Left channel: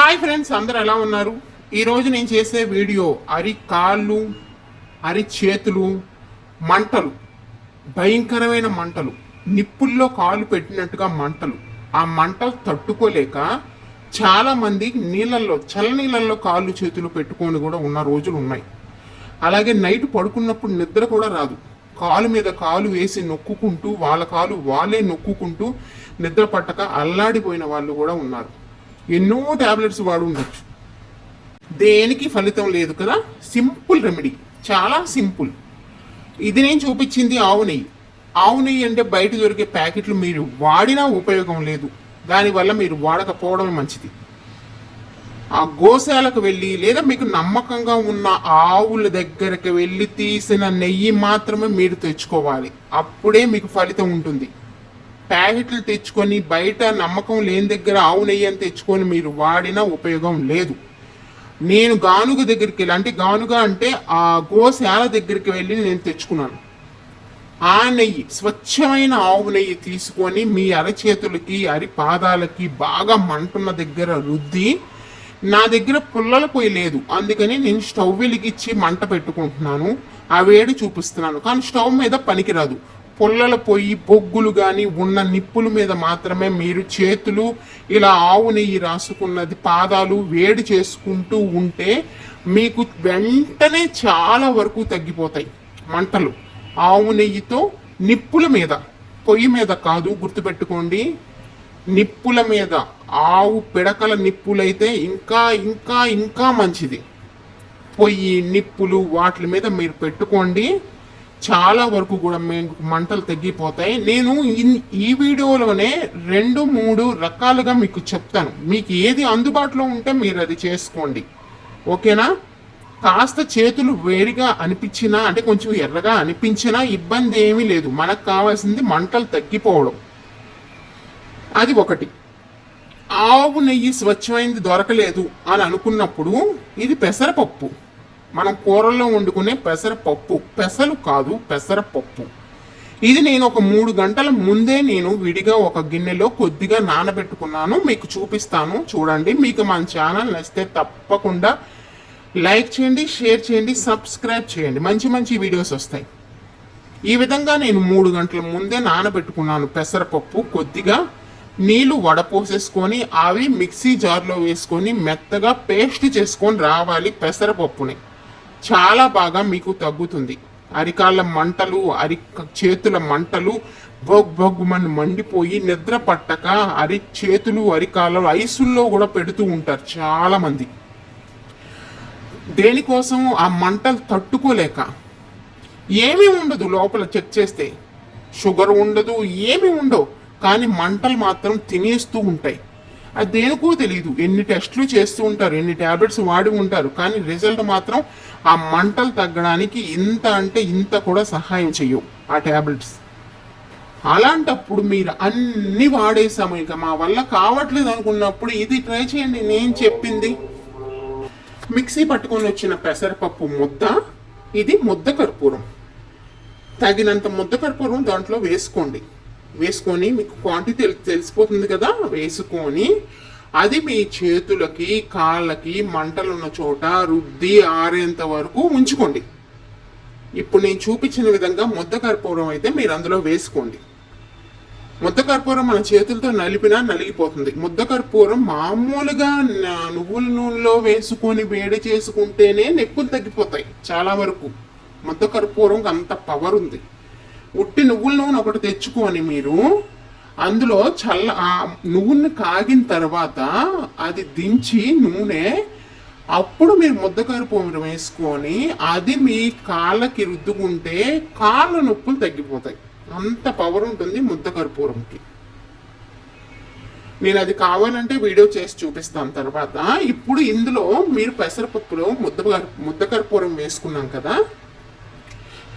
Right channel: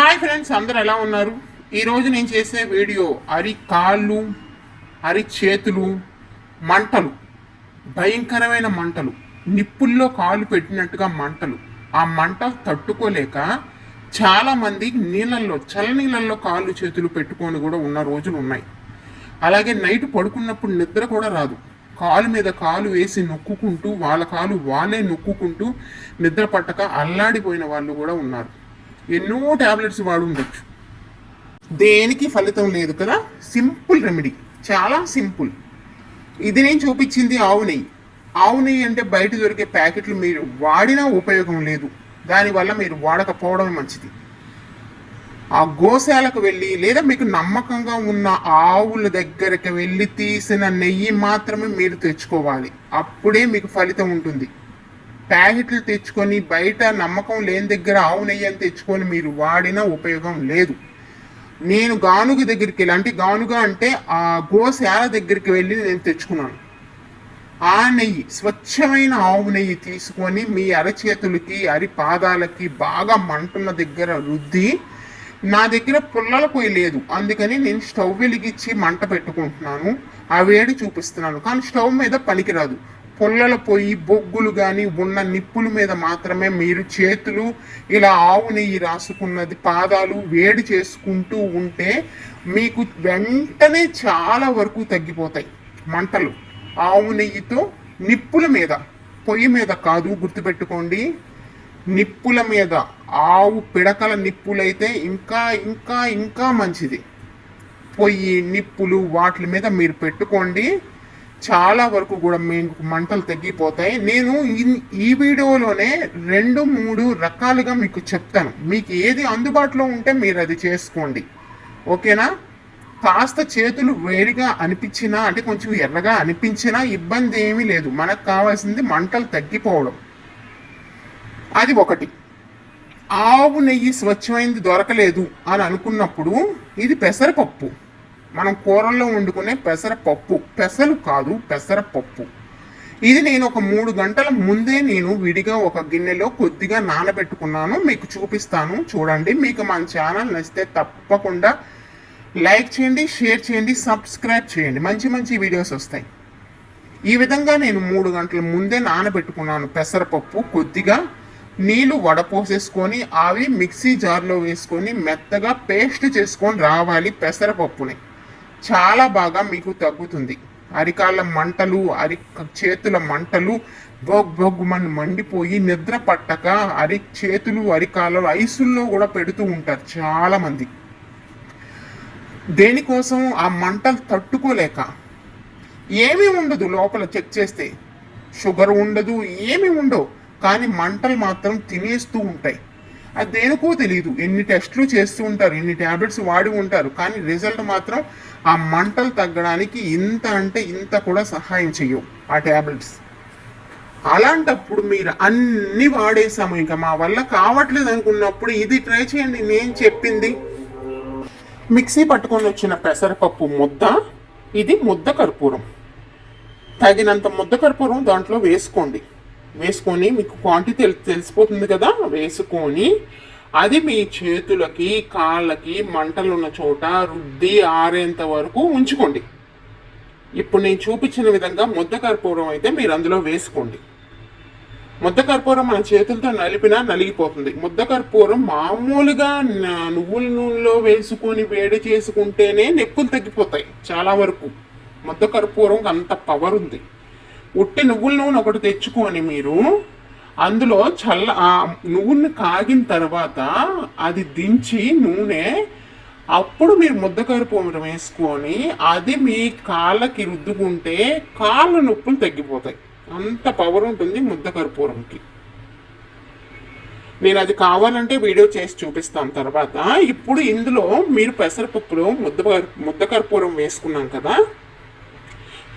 Hi friends అందరు ఎలా ఉన్నారు? ఈరోజు నేను చేసే వీడియో అరి కాళ్ళు అరి చేతులు మంటలు భయంకరమైన మంటలు నిప్పుల్లో కాళ్ళు పెట్టినట్టుగా మంటలు. ఆ మంట తట్టుకోలేక చాలామంది నీళ్ళల్లో చల్ల నీళ్ళల్లో కాళ్ళు చేతులు పెట్టుకొని కూడా ఉన్న రోజులు ఉన్నాయి. అలాగే నైట్ పడుకున్నప్పుడు నిద్ర కూడా రాదు. కాలు మీద కాలు వేసి నొక్కుకుంటూ వాళ్ళ కాలు వాళ్ళే నొక్కుకుంటూ నిద్ర పట్టక అల్లాడిపోయిన వాళ్ళు కూడా ఉన్నారు. ఎన్నో టాబ్లెట్స్ వాడు ఉండొచ్చు దేనికి ఫలితం లేదు కదా? Simple remedy. చాలా సింపుల్. ఇది నేను చూపించింది ఆవు నెయ్యి. ఆవు నెయ్యి అంటే బయట దొరికే ప్యాకెట్లు మీరు వాడినా ఉపయోగం లేదు. దానివల్ల మీరు వాడకపోవడం మంచిది. ఆ గోశాలకు వెళ్ళి లేదా మీకు నమ్మకంగా ఉన్న ఆవుల దగ్గరకు వెళ్ళి తీసిన నెయ్యి మాత్రమే మీరు తెచ్చుకోవాలి. అప్పుడే మీకు ఫలితం ఉంటుంది. ప్యాకెట్లు తెచ్చుకొని బయట నమ్మకం లేని దగ్గర ఆవు నెయ్యి అని తెచ్చుకొని మీరు వాడినా ఉపయోగం లేదు. నేను గానుగ దగ్గరికి వెళ్ళి అంటే గానుగ అంటే ఆ గోశాల దగ్గరికి వెళ్ళి నేను తెచ్చుకున్నాను. ఆ నెయ్యి స్వచ్ఛమైన ఆవు నెయ్యి తీసుకొని మీ అరచేతులకి అరి పాదాలకి బాగా మంటున్న దగ్గర రుద్ది నా దగ్గర పుల్లల పొయ్యి లేదు. అందుకని నేను స్టవ్ వెలిగించి మంట పెట్టుకుంటున్నాను. ఆ వేడి చూపిస్తున్నాను. కానీ స్టవ్ మీద పనికిరాదు. పొల్లలు పొయ్యి బొగ్గులు కానీ ఉన్న నిప్పుల మీద మాత్రమే మీరు చేతులు ఇలా ఆవు నెయ్యి రాసుకున్నది పాదాలు వేడి చేసుకుంటూ ఉంటే మీకు వెంటనే చాలా వరకు తగ్గిపోతాయి. మంటలు. ఆవు నెయ్యితో నిప్పుల మీద పొయ్యి మీద కాదు గుర్తుపెట్టుకోండి. నిప్పుల మీద ఆవు పిడకల నిప్పులైతే ఇంకా ఇంకా ఇంకా మంచిది. పొయ్యి నిప్పులు వాటి మీద మీరు పెట్టుకోండి. చాలా వరకు కూడా మీకు మంటలు తగ్గిపోతాయి నేను ఈ వీడియోలోనే రెండు మూడు రకాలుగా మీకు చెప్తాను. మీకు ఏది అందుబాటులో ఉంటే మీరు అది చేసుకోండి. ఓకేనా? కాస్త చేతులు వేడిగా అనిపించినా అంటే కొంచెం ఎర్రగా అనిపించినా ఇబ్బంది ఏమీ లేదు. మనకు కావాల్సింది మంటలు తగ్గిపోవడం. అది ఒకటి. ఆవు నెయ్యి స్వచ్ఛమైనది దొరకలేదు అని అనుకున్నప్పుడు ఇది పెసరపప్పు. మనం కూరల్లో వండుకునే పెసరపప్పు. పెసలు కాదు పెసరపప్పు. ఇది నేను ఒక మూడు గంటల ముందే నేను విడిగా ఒక గిన్నెలో కొద్దిగా నానబెట్టుకున్నాను. మీకు చూపిస్తాను చూడండి. మీకు మన ఛానల్ నచ్చితే తప్పకుండా లైక్ చేయండి షేర్ చేయండి సబ్స్క్రైబ్ చేయండి. మంచి మంచి వీడియోస్ వస్తాయి. ఈ విధంగా నేను మూడు గంటల ముందే నానబెట్టుకున్నాను పెసరపప్పు. కొద్దిగా నీళ్ళు వడపోసేసుకొని అవి మిక్సీ జార్లో వేసుకొని మెత్తగా పేస్ట్ చేసుకొని రావాలి పెసరపప్పుని. చాలా బాగా మీకు తగ్గుతుంది. అరికాళ్ళ మంటలు అరి చేతుల మంటలు బొగ్ బొగ్గుమని మండిపోయి నిద్ర పట్టక అరి చేతులు అరికాళ్ళు ఐసుల్లో కూడా పెడుతూ ఉంటారు చాలా మంది. దేనికోసం ఆ మంటలు తట్టుకోలేక ఏమీ ఉండదు లోపల చెక్ చేస్తే. షుగర్ ఉండదు ఏమీ ఉండవు. కానీ మంటలు మాత్రం తినేస్తూ ఉంటాయి. అది దేనికో తెలియదు ఎన్ని టెస్టులు చేస్తూ ఉంటారు ఎన్ని ట్యాబ్లెట్స్ వాడి ఉంటారు కానీ రిజల్ట్ మాత్రం ఆ మంటలు తగ్గడానికి ఇంత అంటే ఇంత కూడా సహాయం చేయవు ఆ ట్యాబ్లెట్స్ అలాంటప్పుడు మీరు అన్ని వాడేసాము ఇంకా మా వల్ల కావట్లేదు అనుకున్నప్పుడు ఇది ట్రై చేయండి నేను చెప్పింది. మిక్సీ పట్టుకొని వచ్చిన పెసరపప్పు ముద్ద ఇది ముద్ద కర్పూరం. తగినంత ముద్ద కర్పూరం దాంట్లో వేసుకోండి. వేసుకొని మీకు క్వాంటిటీ తెలి తెలిసిపోతుంది కదా? వేసుకొని అది మీ చేతులకి కాళ్ళకి మంటలు ఉన్న చోట రుద్ది ఆరేంత వరకు ఉంచుకోండి. ఇప్పుడు నేను చూపించిన విధంగా ముద్ద కర్పూరం అయితే మీరు అందులో వేసుకోండి. ముద్ద కర్పూరం మన చేతులతో నలిపినా నలిగిపోతుంది. ముద్ద కర్పూరం మామూలుగా నువ్వుల నూనెలో వేసుకొని వేడి చేసుకుంటేనే నొప్పులు తగ్గిపోతాయి చాలా వరకు. ముద్ద కర్పూరం అంత పవర్ ఉంది. ఉట్టి నువ్వుల నూనె ఒకటి తెచ్చుకొని మీరు అందులో చల్ల ఆ కాగిన తర్వాత అది దించి నూనె అప్పుడు మీరు ముద్ద కర్పూరం వేసుకొని అది మీ కాళ్ళకి రుద్దుకుంటే కాళ్ళ నొప్పులు తగ్గిపోతాయి. అంత పవర్ ఉంటుంది ముద్ద కర్పూరంకి నేను అది కావాలంటే వీడియో చేసి చూపిస్తాను తర్వాత. ఇప్పుడు ఇందులో మీరు పెసరపప్పులో ముద్ద కర్- ముద్ద కర్పూరం వేసుకున్నాం కదా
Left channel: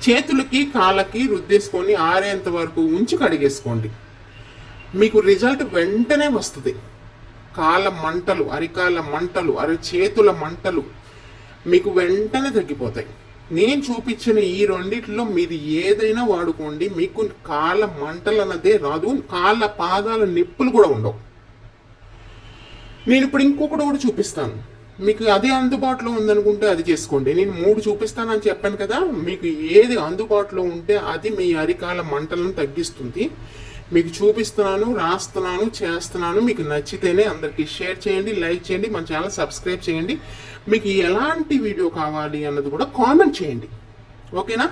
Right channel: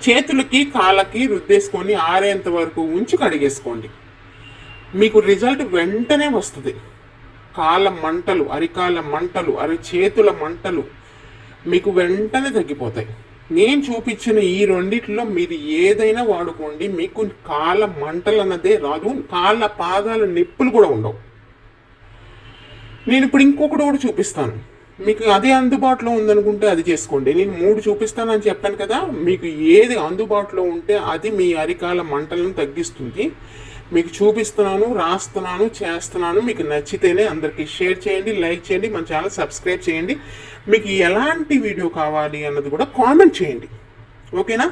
చేతులకి కాళ్ళకి రుద్దేసుకొని ఆరేంత వరకు ఉంచి కడిగేసుకోండి. మీకు రిజల్ట్ వెంటనే వస్తుంది. కాళ్ళ మంటలు అరికాళ్ళ మంటలు అరి చేతుల మంటలు మీకు వెంటనే తగ్గిపోతాయి. నేను చూపించిన ఈ రెండిట్లో మీరు ఏదైనా వాడుకోండి. మీకు కాళ్ళ మంటలు అన్నదే రాదు. కాళ్ళ పాదాల నొప్పులు కూడా ఉండవు. నేను ఇప్పుడు ఇంకొకటి కూడా చూపిస్తాను. మీకు అదే అందుబాటులో ఉందనుకుంటే అది చేసుకోండి. నేను మూడు చూపిస్తానని చెప్పాను కదా మీకు ఏది అందుబాటులో ఉంటే అది మీ అరికాల మంటలను తగ్గిస్తుంది. మీకు చూపిస్తున్నాను రాస్తున్నాను చేస్తున్నాను మీకు నచ్చితేనే అందరికీ షేర్ చేయండి లైక్ చేయండి మన ఛానల్ సబ్స్క్రైబ్ చేయండి. మీకు ఎలాంటి వీడియో కావాలి అన్నది కూడా కామెంట్ చేయండి. ఓకేనా?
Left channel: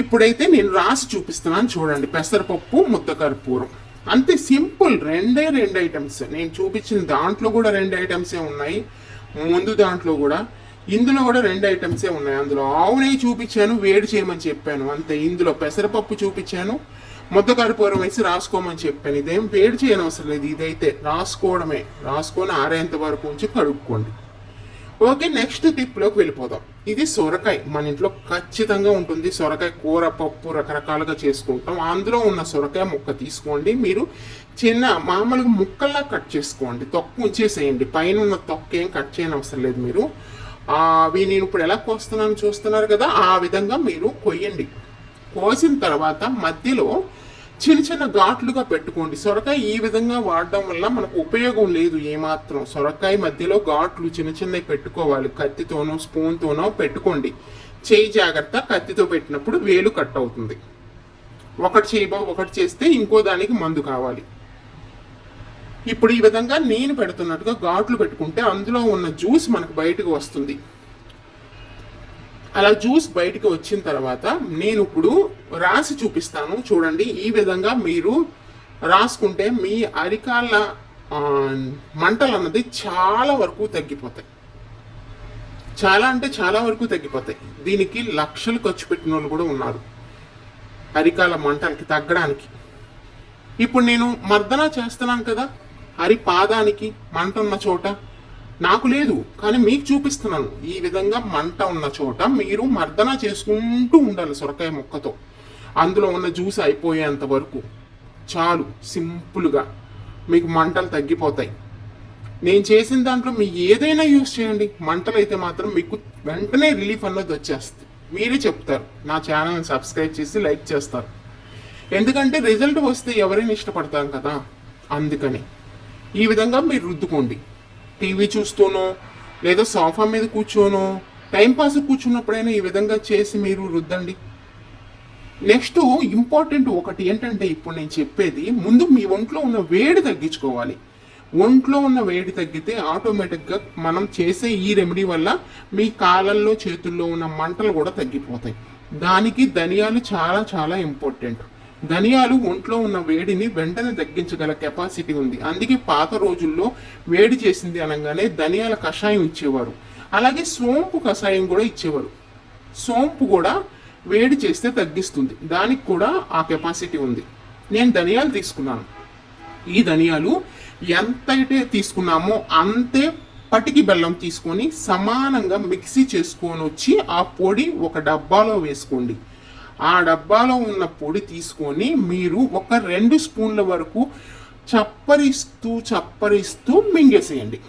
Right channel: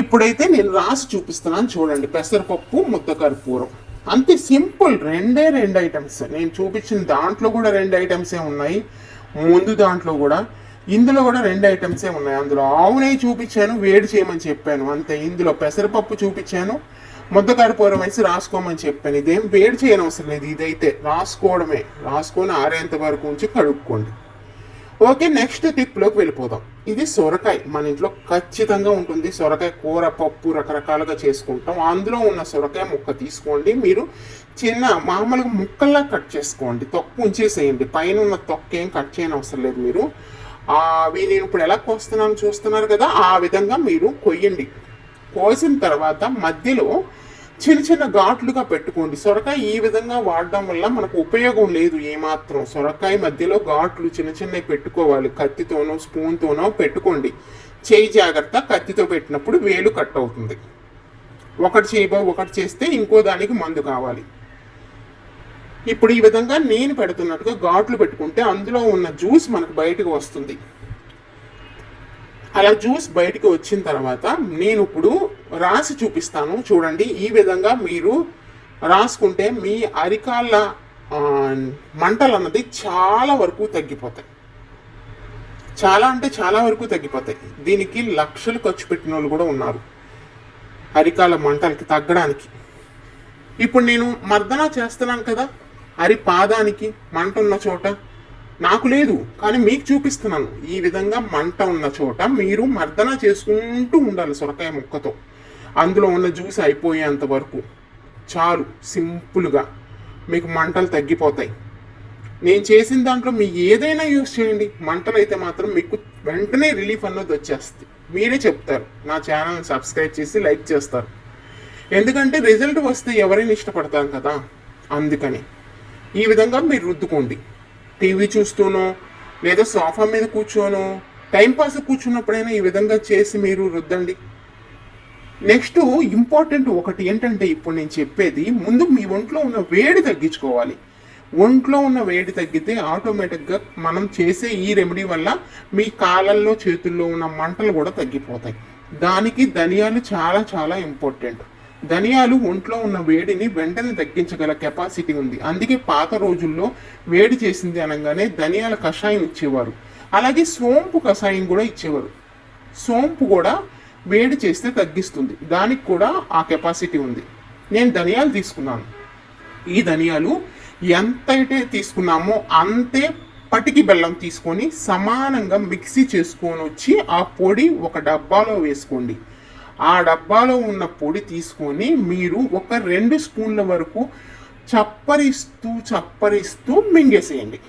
ఇప్పుడైతే నేను రాసి చూపిస్తున్నాను చూడండి. పెసరపప్పు ముద్ద కర్పూరం అంతే సింపుల్ రెండే రెండు ఐటమ్స్ నేను చూపించిన దాంట్లో కూడా రెండు ఐటమ్సే ఉన్నాయి. ముందు దాంట్లో కూడా ఇందులో కూడా రెండు ఐటమ్సే ఉన్నాయి. అందులో ఆవు నెయ్యి చూపించాను వేడి చేయమని చెప్పాను. అంతే ఇందులో పెసరపప్పు చూపించాను ముద్ద కర్పూరం వేసి రాసుకోమని చెప్పాను. ఇదేం వేడి చేయనవసరం లేదు. ఇదైతే రాసుకోవడమే. రాసుకొని ఆరేంత వరకు ఉంచి కడుక్కోండి. ఓకే నెక్స్ట్ టిప్లోకి వెళ్ళిపోదాం. ఇది సొరకాయ. మన ఇంట్లో ఖచ్చితంగా ఉంటుంది సొరకాయ కూర పప్పు రకరకాలుగా చేసుకుంటాం. అందులో ఉన్న సొరకాయ ముక్క తీసుకోండి. మీరు చిన్న మామూలుగా ముక్కల్లా కట్ చేసుకోండి. తొక్కు ఉంచేసేయండి. పైన ఉన్న తొక్క ఏం కట్ చేయని అవసరం లేదు మీరు. అవి నేను ఇప్పుడు ఎలా కోస్తున్నాను చూస్తున్నారు కదా? ఆ విధంగా మీరు కొయ్యండి. కోసిన తర్వాత మధ్యలో చిన్న చిన్న ఘాట్లుగా పెట్టుకోండి. సొరకాయ ఈ విధంగా వాడడం వల్ల మనకు ఉపయోగం లేదు ఏమాత్రం. సొరకాయ మధ్యలో ఘాట్లు చిన్న చిన్నవి పెట్టుకోవాలి. కత్తితోనో స్పూన్తోనో పెట్టుకోండి. చేయి జాగ్రత్త కత్తితో పెట్టినప్పుడు వేలు కట్ అవుతుంది. ఒకటి చేయబో ఒకటి చేస్తే ఇంకో దానికి మందు కావాలి. ఇప్పుడు ఈ విధంగా నేను పెడుతున్నట్టుగా ఘాట్లు పెట్టుకుంటే అందులో ఉన్న జ్యూస్ మనకు బయటకు వస్తుంది. అలా జ్యూస్ బయటికి వచ్చిన తర్వాత నేను ఇప్పుడు రాసి చూపిస్తాను. చూడండి ఈ విధంగా మీరు రాసుకుంటే మీ అరికాళ్ళ మంటలు అన్నది చాలా వరకు తగ్గిపోతాయి. చాలా అంటే చాలా వరకు తగ్గిపోతాయి. దీనికి లక్షలు ఖర్చు పెట్టిన వాళ్ళు కూడా ఉన్నారు అరికాల మంటలకి తగ్గడానికి. ఇప్పుడు నేను మర్దన చేస్తున్నాను కదా అరి పాదానికి మంట ఉన్న చోట నాకు లేదు కానీ మీకు చూపిస్తున్నాను. ఈ విధంగా మంట ఉన్న చోట మీరు మర్దన చేసుకుంటూ ఉండాలి సొరకాయ ముక్కతో. అందులో ఉన్న జ్యూస్ అయిపోయేంత వరకు. చాలు సింపుల్గా. మీకు మంటలు తగ్గిపోతాయి. నేను చేసిన దాంట్లో మీ ఏదైనా యూస్ చేయండి. మంటలు అయితే మాత్రం మీకు వెంటనే రిలీఫ్ అన్నది వచ్చేస్తుంది. మీరే చెప్తారు. నా ఛానల్ని సబ్స్క్రైబ్ చేసి లైక్ చేస్తారు. ఎందుకంటే రిజల్ట్ వస్తే ఎవరైనా ఇష్టపడతారు కదా. అందుకని. ఈ విధంగా మీరు రుద్దుకోండి. టీవీ చూస్తూనో లేదా సోఫా మీద కూర్చోనో టైంపాస్ కూర్చున్నప్పుడైనా ఈ విధంగా చేసి మీరు రుద్దండి. నెక్స్ట్ ఇంపార్టెంట్ ఒకటి ఏంటంటే ఇప్పుడు నేను చెప్పేది ముందు మీ ఒంట్లో ఉన్న వేడి తగ్గించుకోవాలి. ఒంట్లో ఉన్న వేడి తగ్గితే ఆటోమేటిక్గా మనం చేసే ఈ రెమెడీ వల్ల మీ కాళ్ళల్లో చేతుల్లో ఉన్న మంటలు కూడా తగ్గిపోతాయి. దానికి ధనియాలు చాలా చాలా ఇంపార్టెంట్. ధనియాలు ఒంట్లో ఉన్న వేడిని వెంటనే తగ్గించగల కెపాసిటీ ఉంది. అందుకే పాత రోజుల్లో వేడి చేసింది అనగానే ధనియాల కషాయం ఇచ్చేవారు. అలాగే సోంపు కషాయం కూడా ఇచ్చేవారు. సోంపు కూడా వేడి చేస్తే తగ్గిస్తుంది. దానికి కూడా ఆ కెపాసిటీ ఉంది. నేను ధనియాలు తీసుకున్నాను. ఈ ధనియాలు ఎంతైతే తీసుకున్నామో అంతే పటికి బెల్లం తీసుకొని సమానంగా మిక్సీ చేసుకొని వచ్చి ఆ పొడి ఒక డబ్బాలో వేసుకోండి. ఆ డబ్బాలో ఉన్న పొడి తీసుకొని మీరు ఒక రెండు స్పూన్ల వరకు చప్పరిస్తూ చప్పరిస్తూ మింగేసేయండి.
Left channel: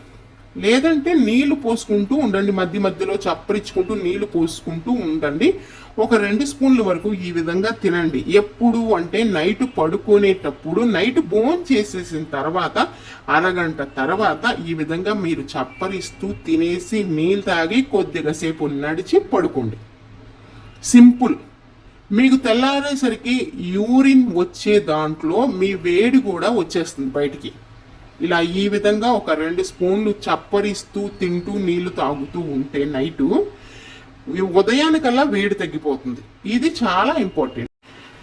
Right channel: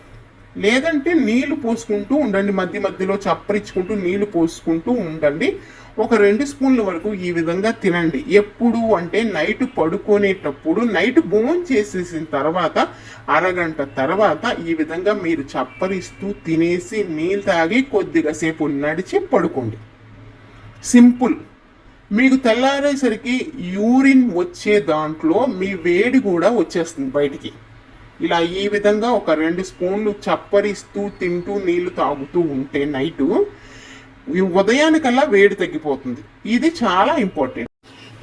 లేదంటే నీళ్ళు పోసుకుంటూ ఉండండి. మధ్య మధ్యలో చప్పరించుకుంటూ నీళ్ళు పోసుకుంటూ ఉండండి. ఒక రెండు స్పూన్ల వరకు ఈ విధంగా తినండి. ఎప్పుడు అంటే నైట్ పడుకునేటప్పుడు నైట్ బోన్ చేసేసిన తర్వాత అరగంట తర్వాత ఈ విధంగా మీరు చప్పరిస్తూ తినేసి నీళ్ళు తాగి కొద్దిగా సేపు నడిచి పడుకోండి. సింపుల్. మీకు తెల్లారేసరికి యూరిన్ వచ్చే దాంట్లో మీ వేడి కూడా వచ్చేస్తుంది బయటికి. ఇలా ఈ విధంగా ఒక రెండు స్పూన్లు చప్పరిస్తూ తింటూ నీళ్ళు తాగుతూ ఉంటే నైటు ఉదయానికల్లా వేడి తగ్గిపోతుంది. ఇది చాలా ఇంపార్టెంట్.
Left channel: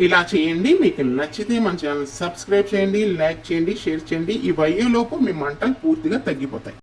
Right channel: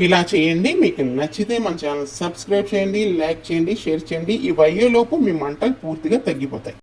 ఇలా చేయండి. మీకు నచ్చితే మన ఛానల్ సబ్స్క్రైబ్ చేయండి లైక్ చేయండి షేర్ చేయండి. ఈ వయ్యేలోపు మీ మంటలు పూర్తిగా తగ్గిపోతాయి.